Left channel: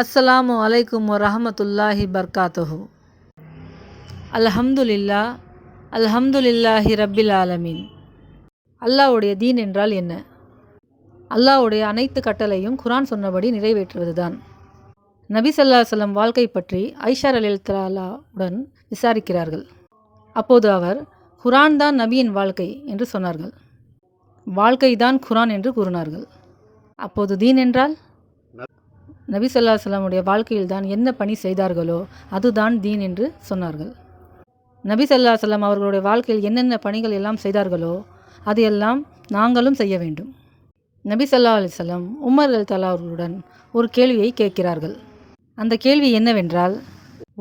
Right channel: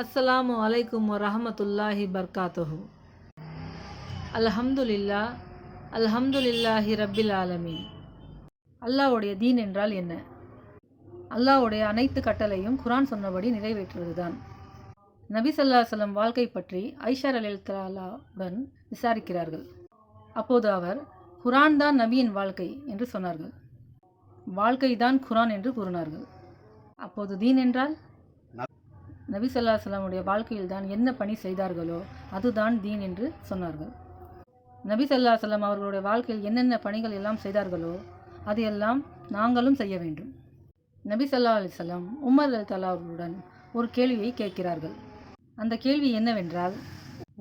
அஸ்ஸலாமு அலைக்கும் வரஹமத்துல்லாஹி பர்காத்துஹு. அல்ஹம்துலில்லா அல்ஹம்துலில்லாஹி ரப்பில் ஆலமீன். அல்லாவுடைய தீன் என்றால் என்ன? அல்லாஹ்வுடைய அனைத்து கட்டளையும் குரான் சொன்னபடி நிறைவேற்றுவதுதான். நபி சல்லா சொல்லம் வாழ்க்கை பற்றி ஐஷார் அலில்தலாவுடன் விசாரிக்கிறார்கள். அப்போது அவர் குரான் தான் நபியின் வாழ்க்கை என்று சொன்னார்கள். வாழ்க்கை தான் குரான் என்று கூறினார்கள். அப்போது தீன் என்றால்? நபி சொல்லா அலைஹி வாழ்க்கையில் தான் என்ன பணி செய்தார்களோ அதுதான் தீன் என்று சொன்னார்கள். நபி சொல்லா சொல்லம் அவர்களுடைய வாழ்க்கையில் என்னென்ன பணிகள் எல்லாம் செய்தார்களோ அதையெல்லாம் நாங்களும் செய்ய வேண்டும். நபி சொல்லா அலைஹி உமர் அல் அவர்களுடன் ஒரு கேள்வியை கேட்கிறார்கள். அந்த கேள்வி என்னவென்றால்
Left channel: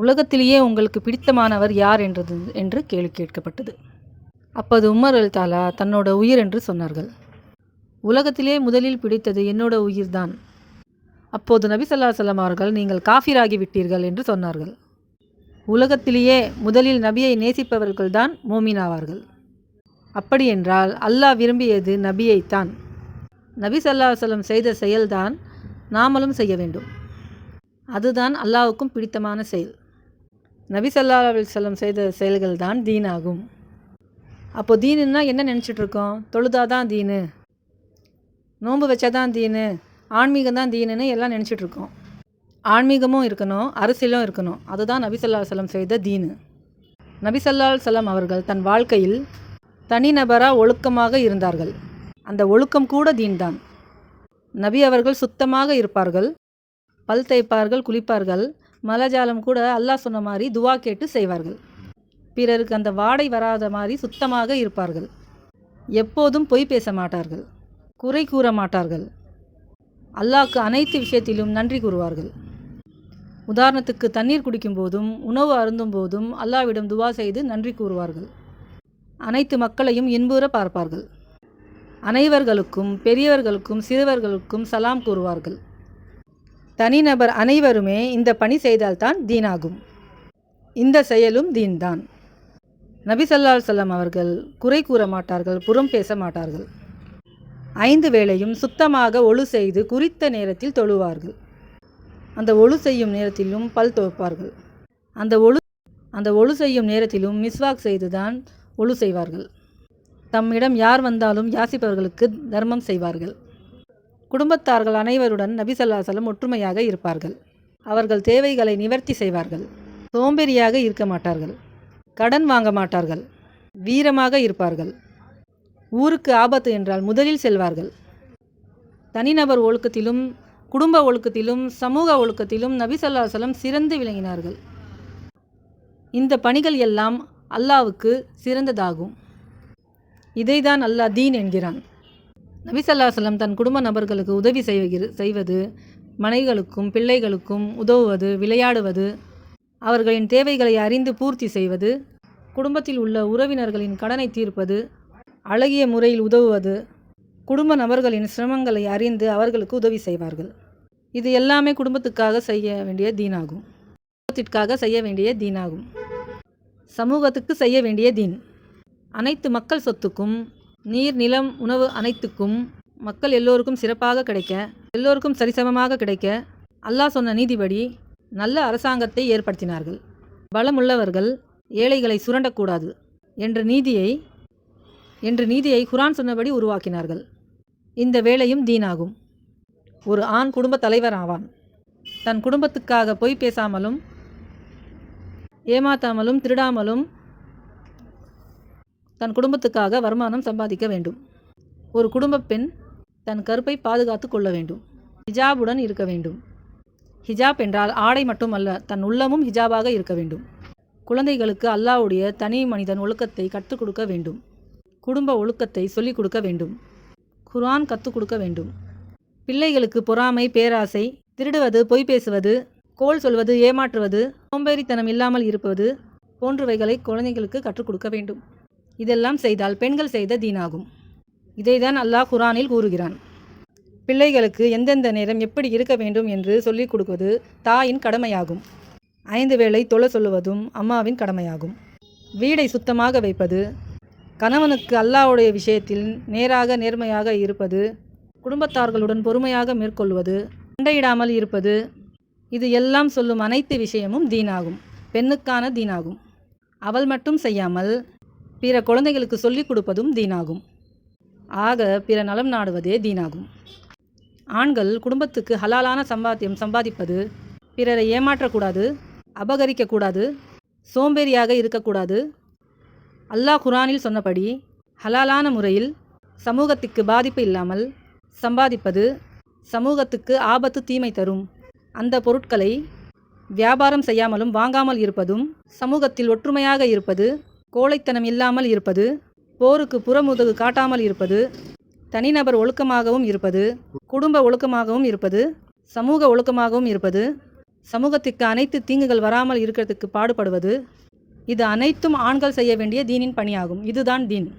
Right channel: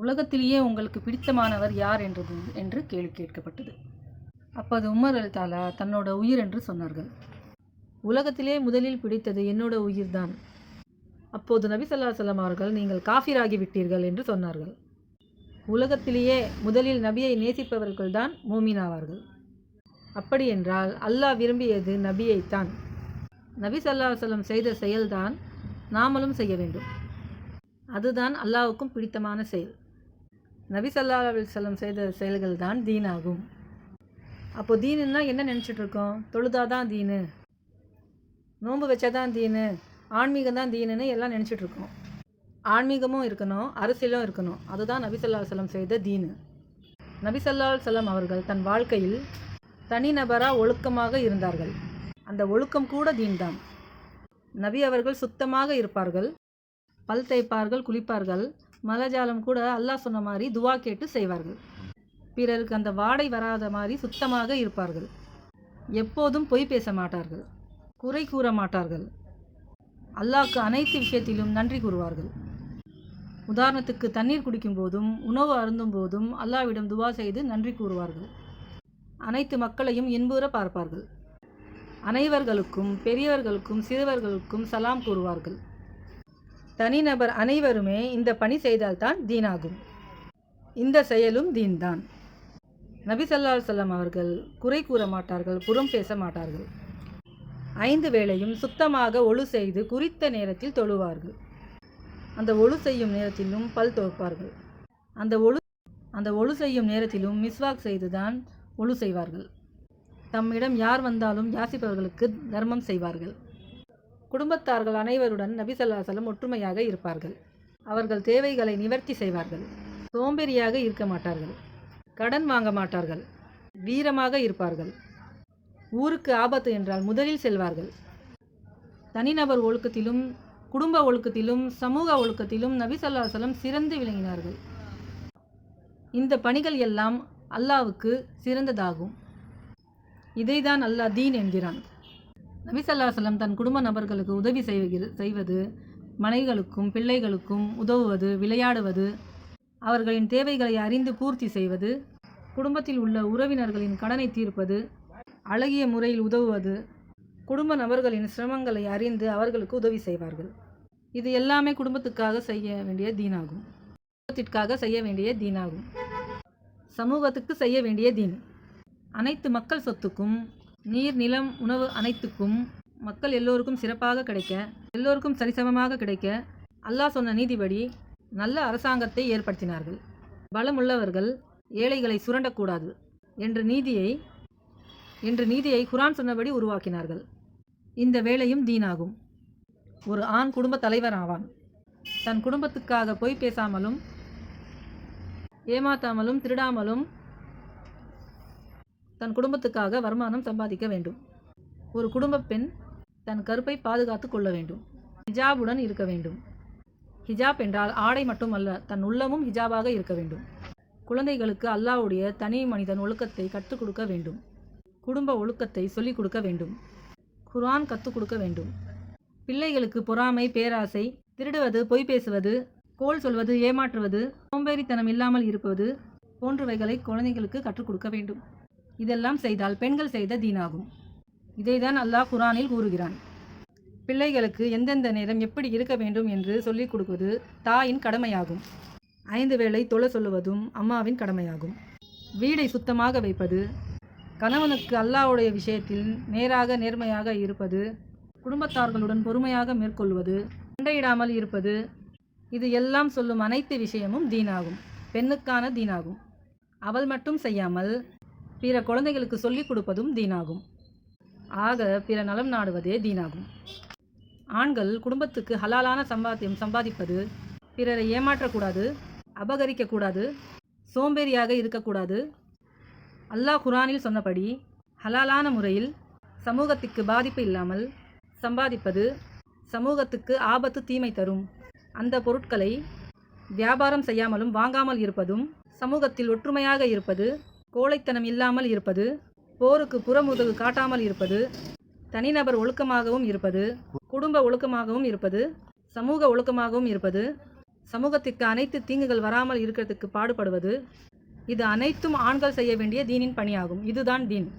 உலகத்திலேயே உங்களுக்கு பிடித்தமானவர் யார் என்றது என்று கேள்வி கேட்கப்பட்டது. அப்போது உமர் அல் தாலா தன்னோட உயிர் என்று சொன்னார்கள். உலகத்திலே முதலில் பிடித்தது என்னோட உயிர்தான். அப்போது நபி ஸல்லல்லாஹு அலைஹி அவர்கள் நீங்கள் காஃபிராகி விட்டீர்கள் என்று சொன்னார்கள். உலகத்திலேயே முதலில் நபியை நேசிப்பவர்கள்தான் மூமினாவார்கள் ஆவார்கள். அப்படியென்றால் அல்லாஹ் விரும்பியது நபியைத்தான். நபி சல்லா அலைஹி செய்த செயல்தான் நாமளும் செய்ய வேண்டும். அதுதான் அல்லாவுக்கும் பிடித்தமான செயல். நபி ஸல்லல்லாஹு அலைஹி செய்த செயல்கள் தான் தீனாகும். அப்போ தீனுன்னா என்ன நினச்சிட்ருக்கோம் தொழுதாதான் தீனு நோன்பு வச்சாதான் தீனு? ஆன்மீகம் தான் தீனுன்னு எல்லாம் நினச்சிட்டு இருக்கோம் ஆன்மீகமும் இருக்கணும் அரசியலும் இருக்கணும். அதுதான் நபிசல்லா சலம் செய்த தீனு. நபிசல்லா சலம் அவர்கள் தன் வாழ்க்கையில் தனிநபராக ஒழுக்கமாக இருந்தார்கள். அந்த ஒழுக்கம் கூட தீன் தான் நபி அவர்கள் சுத்தமாக இருப்பார்கள் பல் தேய்ப்பார்கள் குளிப்பார்கள் மலஜாலம் கூட அல்லாஹ் சொன்ன மாதிரி துவா கேட்டு செய்வார்கள். பிறருக்கு அந்த வாடை வராத மாதிரி சுத்தமாக இருப்பார்கள். எப்போதும் பொய் பேச மாட்டார்கள் குறை கூற மாட்டார்கள். அல்லாஹ்க்கு அனைத்து விஷயத்திலும் நன்றி கூறுவார்கள். உதாரணத்துக்கு தண்ணீர் குடிக்கும் போதும் உணவு அருந்தும் போதும் அல்லாவிடம் துவா செய்து நன்றி கூறுவார்கள். அனைத்து மக்களையும் இன்புற பார்ப்பார்கள். அனைவர்களுக்கும் பெரியவர்களுக்கும் சிறுவர்களுக்கும் சலாம் கூறுவார்கள். தனிநபர் அனைவருமே இந்த பணி செய்தால்தான் தீனாகும். இந்த செயலும் தீன்தான். நபி சல்லா அலைஹி அவர்கள் குறை கூற மாட்டார்கள் புறம் பேச மாட்டார்கள். ஐந்து வேளையும் சுத்தமாக ஒழு செய்து குறித்த நேரத்தில் தொழுவார்கள். அந்த ஒழு செய்யும் நேரத்திலும் பல் துவைப்பார்கள். அந்த ஒழு அந்த ஒழு செய்யும் நேரத்திலும் மிஸ்வாக் செய்துதான் ஒழு செய்வார்கள். தம்மிடம் யார் வந்தாலும் யாசிப்பவர்களுக்கு தர்மம் செய்வார்கள். குடும்பத்தார்கள் அனைவருடன் நபிசல்லாசலம் ஒற்றுமையாக இருப்பார்கள். அவர்கள் தேவைகளை நிவர்த்தி செய்வார்கள். சோம்பேறியாக இருக்க மாட்டார்கள். கடன் வாங்க மாட்டார்கள். வீரமாக இருப்பார்கள். ஊருக்கு ஆபத்து என்றால் முதலில் செல்வார்கள். தனிநபர் ஒழுக்கத்திலும் குடும்ப ஒழுக்கத்திலும் சமூக ஒழுக்கத்திலும் நபிசல்லாசலம் சிறந்து விளங்கினார்கள். இந்த பணிகள் எல்லாம் அல்லாவுக்கு சிறந்ததாகும். இதைதான் அல்லாஹ் தீன் என்கிறான். நபிசல்லாசலம் தன் குடும்ப நபர்களுக்கு உதவி செய்கிற செய்வது மனைகளுக்கும் பிள்ளைகளுக்கும் உதவுவது விளையாடுவது அவர்களின் தேவைகளை அறிந்து பூர்த்தி செய்வது குடும்பத்தில் உள்ள உறவினர்களின் கடனை தீர்ப்பது அழகிய முறையில் உதவுவது குடும்ப நபர்களின் சிரமங்களை அறிந்து அவர்களுக்கு உதவி செய்வார்கள். இது எல்லாமே குடும்பத்துக்காக செய்ய வேண்டிய தீனாகும். குடும்பத்திற்காக செய்ய வேண்டிய தீனாகும். சமூகத்துக்கு செய்ய வேண்டிய தீன். அனைத்து மக்கள் சொத்துக்கும் நீர் நிலம் உணவு அனைத்துக்கும் மக்கள் எல்லோருக்கும் சிறப்பாக கிடைக்க எல்லோருக்கும் சரிசமமாக கிடைக்க அல்லாஹ் சொன்ன நீதிபடி நல்ல அரசாங்கத்தை ஏற்படுத்தினார்கள். பலமுள்ளவர்கள் ஏழைகளை சுரண்டக்கூடாது என்ற நீதியை என்று நீதியை குரான் சொன்னபடி உருவாக்கினார்கள். இந்த வேலையும் தீனாகும். ஒரு ஆண் குடும்ப தலைவர் ஆவான். தன் குடும்பத்துக்காக பொய் பேசாமலும் ஏமாத்தாமலும் திருடாமலும் தன் குடும்பத்துக்காக வருமானம் சம்பாதிக்க வேண்டும். ஒரு குடும்ப பெண் தன் கருப்பை பாதுகாத்து கொள்ள வேண்டும். ஹிஜாபுடன் இருக்க வேண்டும். ஹிஜாப் என்றால் ஆடை மட்டுமல்ல தன் உள்ளமும் ஹிஜாபாக இருக்க வேண்டும். குழந்தைகளுக்கு அல்லாஹ்வுடைய தனி மனிதன் ஒழுக்கத்தை கற்றுக் கொடுக்க வேண்டும். குடும்ப ஒழுக்கத்தை சொல்லிக் கொடுக்க வேண்டும். குரான் கற்றுக் கொடுக்க வேண்டும். பிள்ளைகளுக்கு பொறாமை பேராசை திருடுவது பொய் பேசுவது கோல் சொல்வது ஏமாற்றுவது சோம்பேறித்தனம் இல்லாமல் இருப்பது போன்றவைகளை குழந்தைகளுக்கு கற்றுக் கொடுக்க வேண்டும். இதெல்லாம் செய்தால் பெண்கள் செய்த தீனாகும். இதைதான் அல்லாஹ் குரானில் கூறுகிறான். பிள்ளைகளுக்கு எந்தெந்த நேரம் எப்படி இருக்க வேண்டும் என்று சொல்லிக் கொடுப்பது தாயின் கடமையாகும். ஐந்து வேளை தொழ சொல்லுவதும் அம்மாவின் கடமையாகும். வீடை சுத்தமாக வைப்பது கணவனுக்கு அல்லாஹ்வுடைய விஷயத்தில் நேராக நேர்மையாக இருப்பது குடும்பத்தார்களுடன் பொறுமையாக மேற்கொள்வது சண்டையிடாமல் இருப்பது இது எல்லாம் சொல்லும் அனைத்து விஷயமும் தீனாகும் பெண்ணுக்கான தீனாகும். அவள் மட்டும் செய்யாமல் பிற குழந்தைகளுக்கு சொல்லிக் கொடுப்பதும் தீனாகும். ஆக பிற நலம் நாடுவதே தீனாகும். ஆண்கள் குடும்பத்துக்கு ஹலாலான சம்பாத்தியம் சம்பாதிப்பது பிறரை ஏமாற்றக்கூடாது அபகரிக்கக்கூடாது சோம்பேறியாக இருக்கக்கூடாது அல்லாஹ் குரானில் சொன்னபடி ஹலாலான முறையில் சமூகத்திற்கு பாதிப்பு இல்லாமல் சம்பாதிப்பது சமூகத்துக்கு ஆபத்து தீமை தரும். அந்த பொருட்களை வியாபாரம் செய்யாமலும் வாங்காமல் இருப்பதும் சமூகத்தில் ஒற்றுமையாக இருப்பது கோழைத்தனம் இல்லாமல் இருப்பது போருக்கு புறமுதுகு காட்டாமல் இருப்பது தனிநபர் ஒழுக்கமாகவும் இருப்பது குடும்ப ஒழுக்கமாகவும் இருப்பது சமூக ஒழுக்கமாகவும் இருப்பது சமூகத்திற்கு அனைத்து தீங்குகள் வராமல் இருக்கிறதுக்கு பாடுபடுவது இது அனைத்தும் ஆண்கள் செய்ய வேண்டிய தீனின் பணியாகும். இதுதான் தீன்.